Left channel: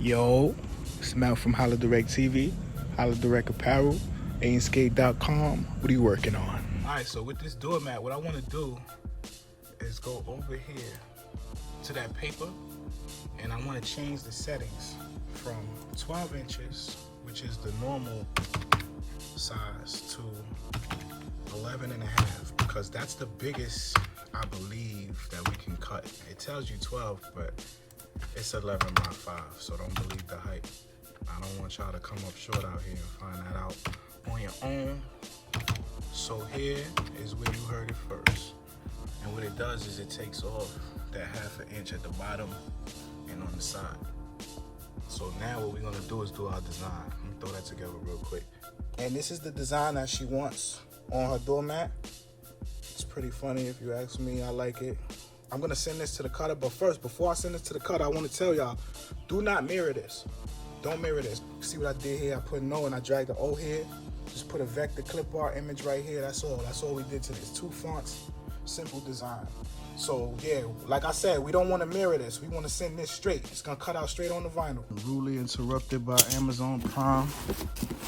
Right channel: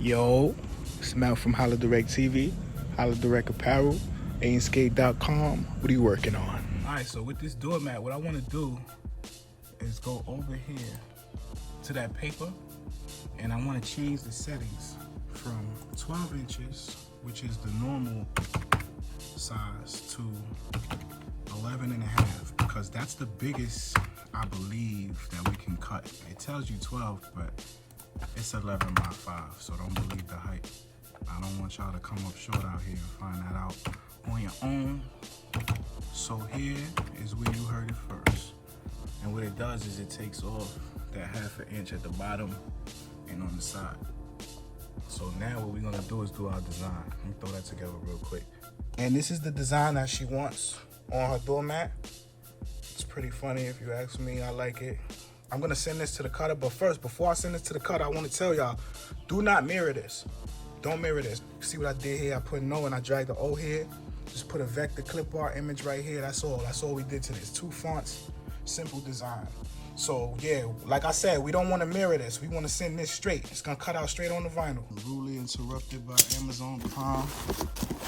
Yo, it's Mel from HollaDirectTV, HollaDirect Apparel, AimSkate.com. What are you working on? Alright, so with this doormat, what I want to do is go over here to that paper, and I want to change the settings from 12 inches, which is the normal size, to 11 and a half, because that's the biggest I believe that we can cut. It tells you 12, but it's 11 by 5, so don't believe the hype. I don't want y'all to come up short out here and find that out on your own. So here is where you heard it first. And what it does is it takes off that ½ inch at the bottom and on the side. So now what we're gonna do is do our design. Let me throw that together real quick. And this is the design that she wants on her doormat. It's pretty funny if you ask me. I like it. I'm gonna send this to the cutter, but first, before I send this to the cutter, I wanna tell y'all, do not mirror this. Don't mirror this. See what I did here? I put no and I dragged the O here. Just put a vector clip art image right here. That's all we did to this. 2 fonts, simple design. So yeah, like I said, we don't wanna mirror this. We wanna send this straight. It's gonna cut out straight on the vinyl. Rudely interrupted by Amazon Prime.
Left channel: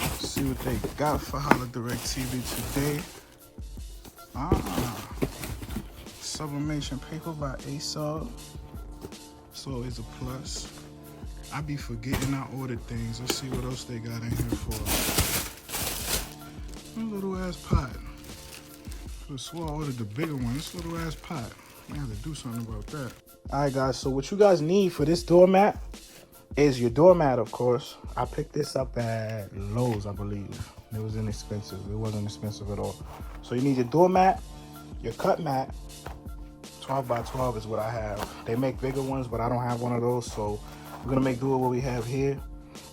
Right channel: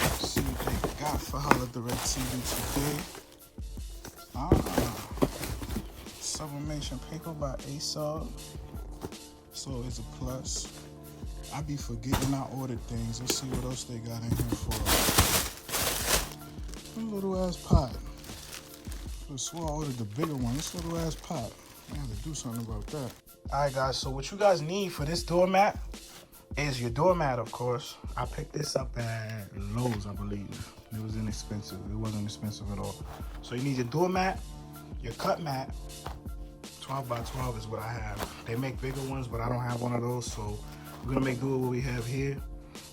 Let's see what they got for HollaDirectTV today. Sublimation paper by ASOG. So it's a plus. I be forgetting I ordered things. Let's see what else they got in here for. A little ass pot. I swore I ordered the bigger one. This little ass pot. I have to do something about that. Alright guys, so what you guys need for this doormat is your doormat, of course. I picked this up at Lowe's, I believe. It was inexpensive. It wasn't expensive at all. So you need your doormat, your cut mat. 12 by 12 is what I have. They make bigger ones, but I don't have one of those, so we're gonna make do with what we have here.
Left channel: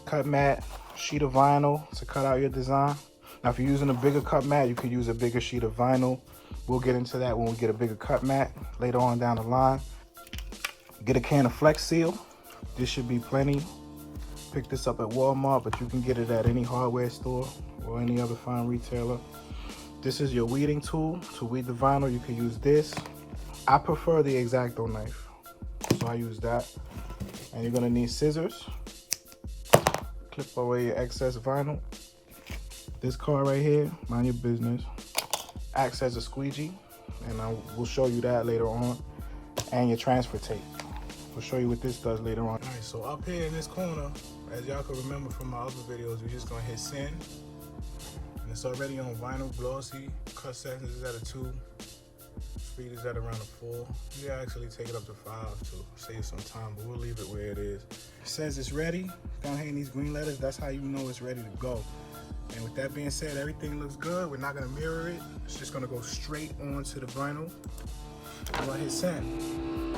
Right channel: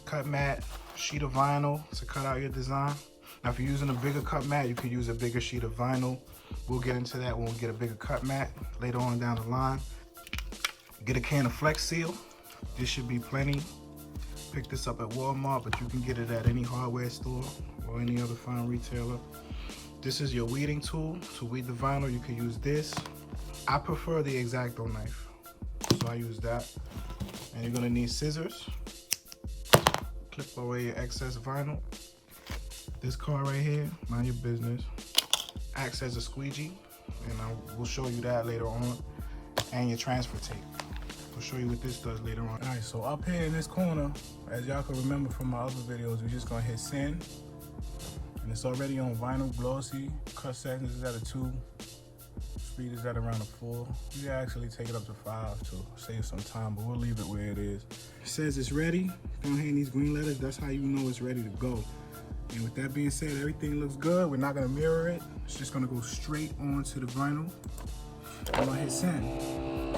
Cut mat, sheet of vinyl to cut out your design. Now, if you're using a bigger cut mat, you could use a bigger sheet of vinyl. We'll get into that when we get a bigger cut mat later on down the line. Get a can of Flex Seal. This should be plenty. Pick this up at Walmart, but you can get it at any hardware store or any other fine retailer. This is your weeding tool. To weed the vinyl, you can use this. I prefer the X-Acto knife, so I use that. And you're gonna need scissors. Clip away your excess vinyl. This card right here, mind your business, acts as a squeegee, and we'll show you that later on. And your transfer tape. We'll show you what this does later on. All right, so up here in this corner, as y'all can remember from my other videos, we're just gonna hit send. And it's already on vinyl, glossy. Cut settings is at a 2. Speed is at around a 4. You can actually take it up to 5 to save some time, but we'll leave it where it is. It says it's ready. Down here in these green letters, that's how you know it's ready to go. And with that being said, everything looks good. We're not gonna mirror it. It's just gonna go straight onto the vinyl. I'm gonna hit send.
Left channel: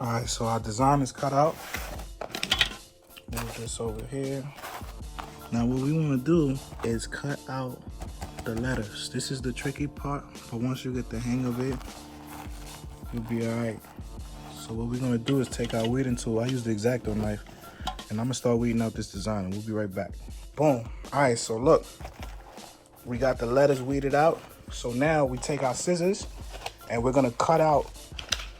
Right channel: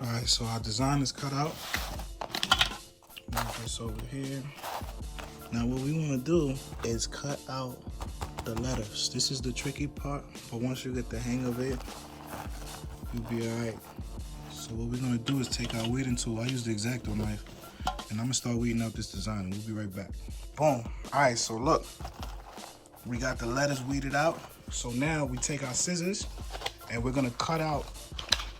All right, so our design is cut out. Move this over here. Now what we want to do is cut out the letters. This is the tricky part, but once you get the hang of it, you'll be all right. So what we're gonna do is take our weeding tool. I use the X-Acto knife, and I'm gonna start weeding out this design, and we'll be right back. Boom. All right, so look, we got the letters weeded out. So now we take our scissors, and we're gonna cut out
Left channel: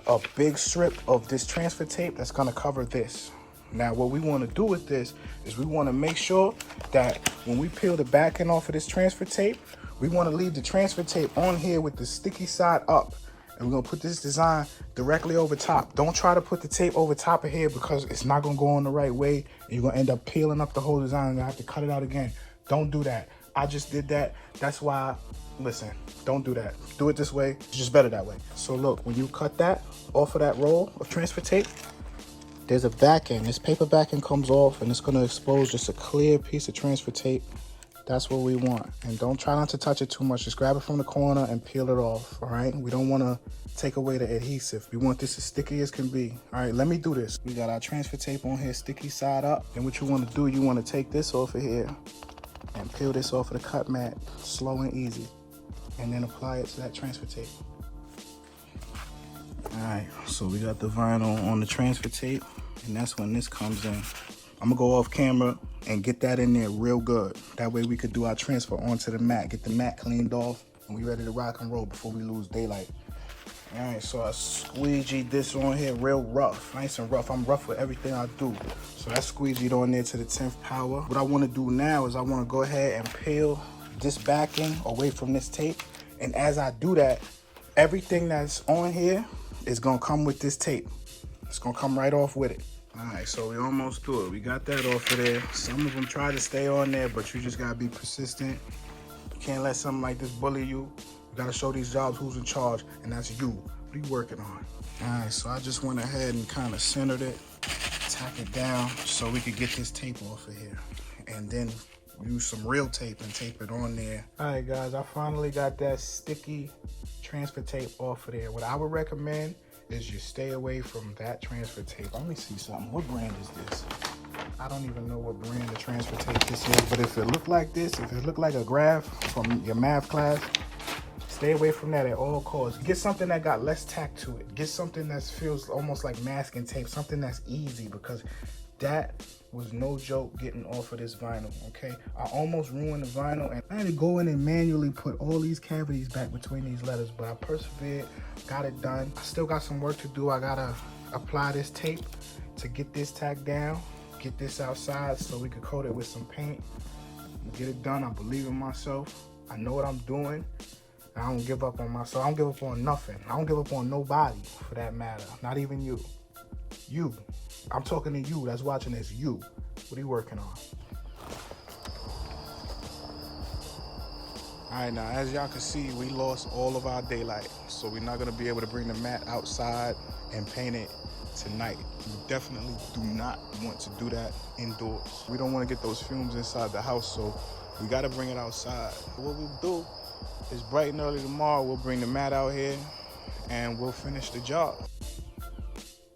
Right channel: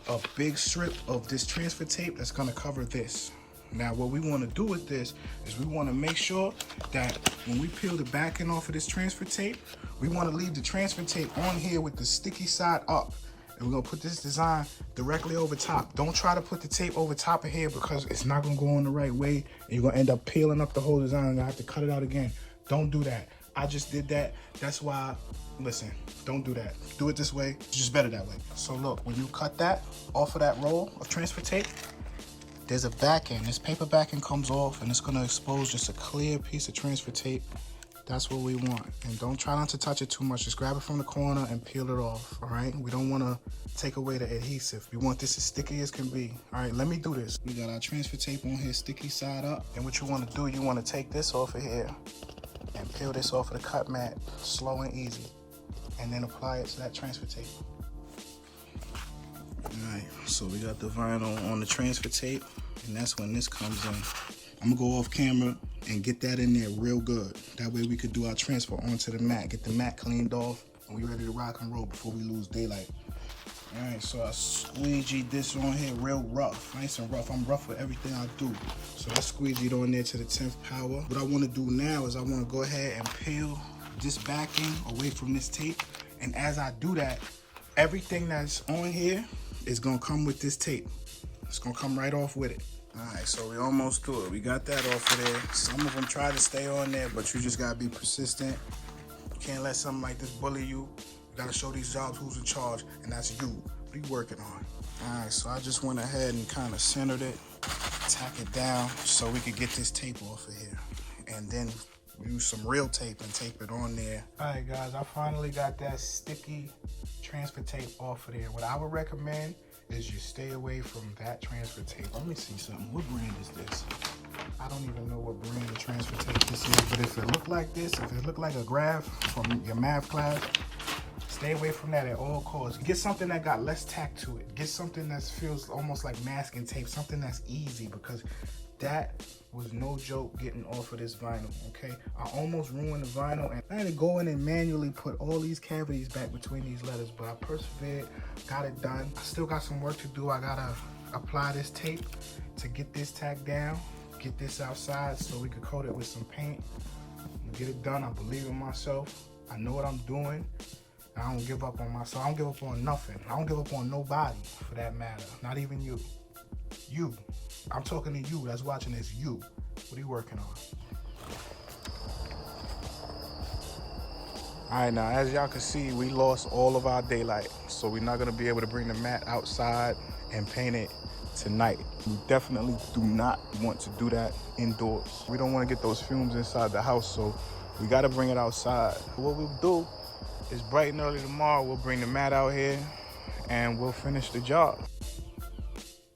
a big strip of this transfer tape that's gonna cover this. Now what we wanna do with this is we wanna make sure that when we peel the back end off of this transfer tape, we wanna leave the transfer tape on here with the sticky side up. And we're gonna put this design directly over top. Don't try to put the tape over top of here because it's not gonna go on the right way. And you're gonna end up peeling up the whole design and you have to cut it out again. Don't do that. I just did that. That's why, listen, don't do that. Do it this way. It's just better that way. So look, when you cut that off of that roll of transfer tape, there's a back end. This paper back end comes off and it's gonna expose just a clear piece of transfer tape. That's what we want. And don't try not to touch it too much. Just grab it from the corner and peel it off, all right? We don't wanna take away the adhesive. We want this as sticky as can be. All right, let me do this. We got our transfer tape on here, sticky side up. And what you wanna do, you wanna take this off of here and peel this off of the cut mat, slow and easy. And then apply it to that transfer tape. All right, so we got the vinyl on the transfer tape, and that's when this comes in. I'm gonna go off camera and get that in there real good. That way we could do our transfer onto the mat, get the mat cleaned off, and we ready to rock and roll before we lose daylight. All right, so I squeegeed this on here real rough, nice and rough. I'm rough with everything I do. So I squeegeed on there to the 10th power. What I wanna do now is I wanna go ahead and peel this backing away from this tape. And as I do that, everything that's on here is gonna come with this tape. It's gonna come right off with it. All right, so we almost through it. We got that off of there. Some of them try to stay on there, but you just gotta be persistent. You can't let something like this bully you. You gotta show these jobs who's in charge, and that's you. What are you working on? All right, so I just went ahead and kind of centered it, tack it down so we could get this tape off of here. And then use some real tape and tape it on there. All right, guys, I finally got that sticky transfer tape off of there. What I would recommend is you stay away from that transfer tape. Let me see something. What brand is this? I don't even know what brand of transfer tape this is, but if it look like this, if it look like a graph from your math class, stay away from that at all costs. Get something that got less tack to it. Get something that feels almost like masking tape, something that's easy, because that was no joke getting off of this vinyl, okay? I almost ruined the vinyl, and I had to go in and manually put all these cavities back between these letters, but I persevered, got it done. Still got some work to do. I gotta apply this tape to get this tack down, get this outside so we could coat it with some paint. Get it done. I believe in myself. I know what I'm doing. I don't give up on myself. I don't give up on nothing. I don't give up on nobody, for that matter. Not even you. You. I'm talking to you that's watching this. You. What are you working on? All right, now, as y'all can see, we lost all of our daylight. So we're not going to be able to bring the mat outside and paint it tonight. You definitely do not want to do that indoors. We don't want to get those fumes inside the house, so we got to bring it outside. What we'll do is bright and early tomorrow, we'll bring the mat out here and we'll finish the job.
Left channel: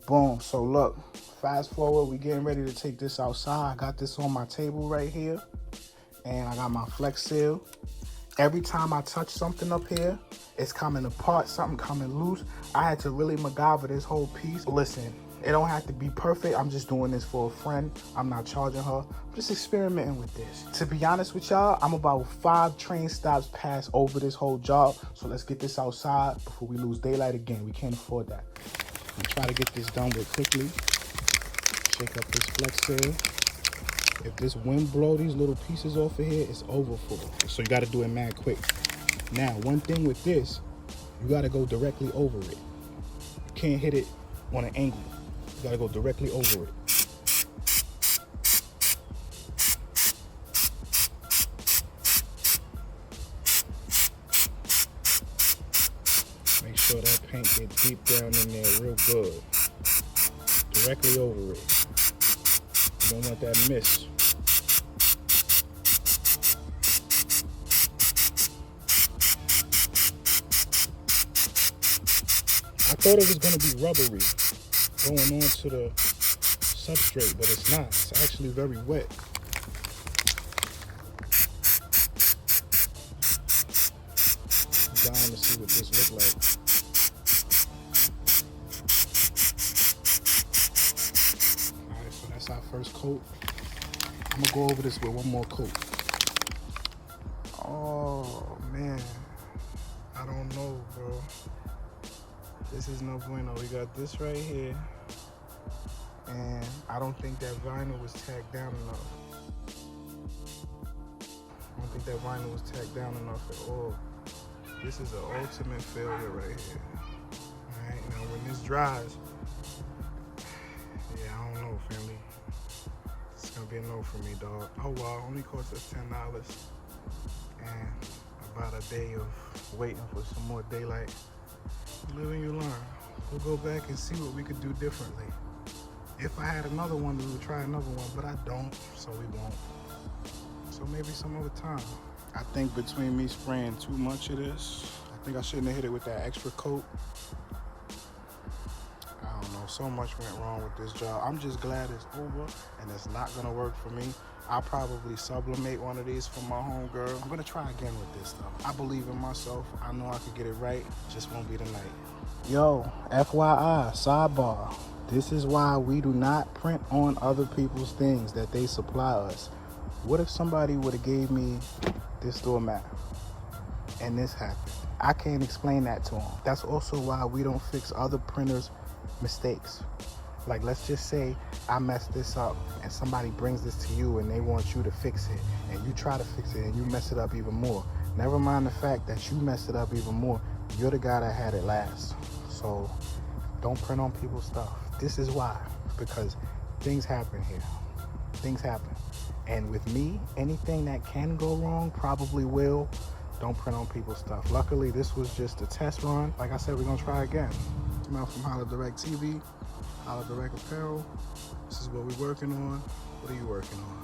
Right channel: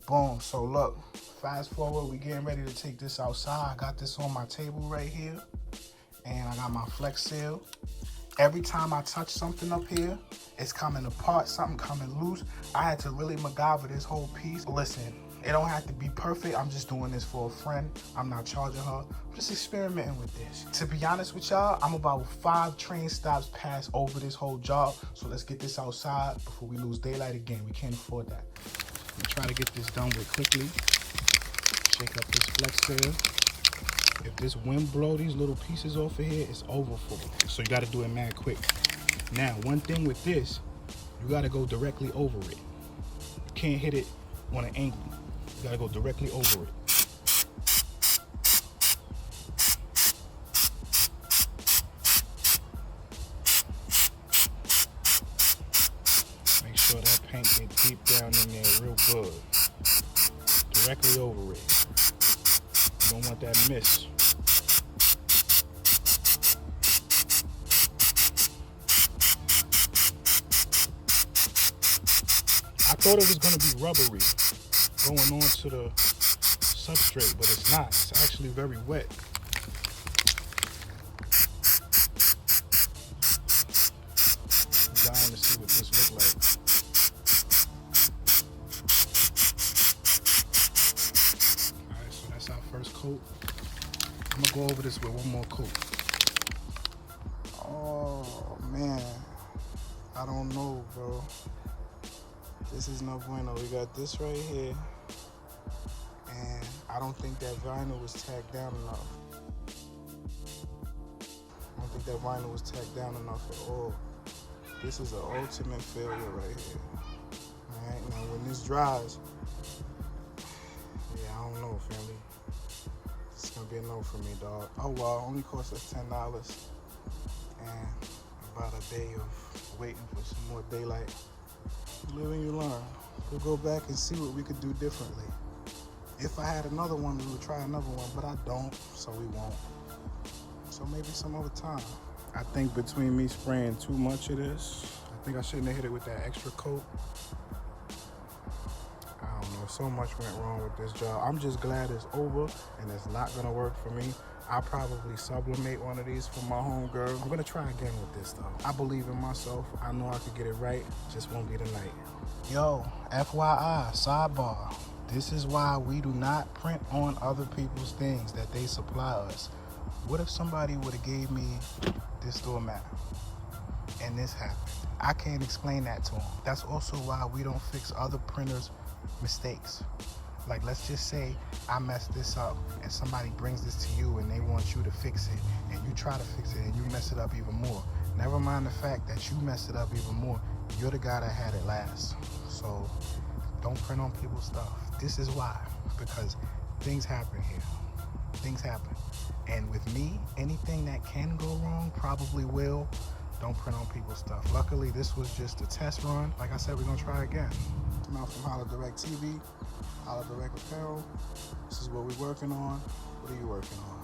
Boom. So look, fast forward, we getting ready to take this outside. I got this on my table right here, and I got my flex seal. Every time I touch something up here, it's coming apart, something coming loose. I had to really MacGyver this whole piece. Listen, it don't have to be perfect. I'm just doing this for a friend. I'm not charging her. I'm just experimenting with this. To be honest with y'all, I'm about 5 train stops past over this whole job. So let's get this outside before we lose daylight again. We can't afford that. I'm try to get this done with quickly. Shake up this flex seal. If this wind blow these little pieces off of here, it's over for it. So you gotta do it mad quick. Now, one thing with this, you gotta go directly over it. You can't hit it on an angle. You gotta go directly over it. Make sure that paint get deep down in there real good. Directly over it. You don't want that miss. I thought it was going to be rubbery going on to the substrate, but it's not. It's actually very wet. I'm dying to see what this looks like. Alright, so that's our first coat. I'm going to go over this with one more coat. Oh, man. I don't know, bro. This is no bueno. We got this right here, and I don't think that vinyl was tacked down enough. I don't think that vinyl was tacked down enough at all. This is an ultimate failure right here. All right, now when this dries, yeah, I don't know, family. It's gonna be a no for me, dog. Oh well, only cost us $10, and about a day of waiting for some more daylight. You live and you learn. We'll go back and see what we could do differently. If I had another one, we would try another one, but I don't, so we won't. So maybe some other time. I think between me spraying too much of this, I think I shouldn't have hit it with that extra coat. I don't know, so much went wrong with this job. I'm just glad it's over and it's not gonna work for me. I'll probably sublimate one of these for my homegirl. I'm gonna try again with this though. I believe in myself. I know I could get it right. Just won't be tonight. Yo, FYI, sidebar. This is why we do not print on other people's things that they supply us. What if somebody would have gave me this doormat and this happened? I can't explain that to them. That's also why we don't fix other printers' mistakes. Like, let's just say I messed this up and somebody brings this to you and they want you to fix it, and you try to fix it and you mess it up even more. Never mind the fact that you messed it up even more. You're the guy that had it last. So don't print on people's stuff. This is why, because things happen here. Things happen. And with me, anything that can go wrong probably will. Don't print on people's stuff. Luckily, this was just a test run. Like I said, we're gonna try again. I'm out from HollaDirectTV, HollaDirect Apparel. This is what we're working on. What are you working on?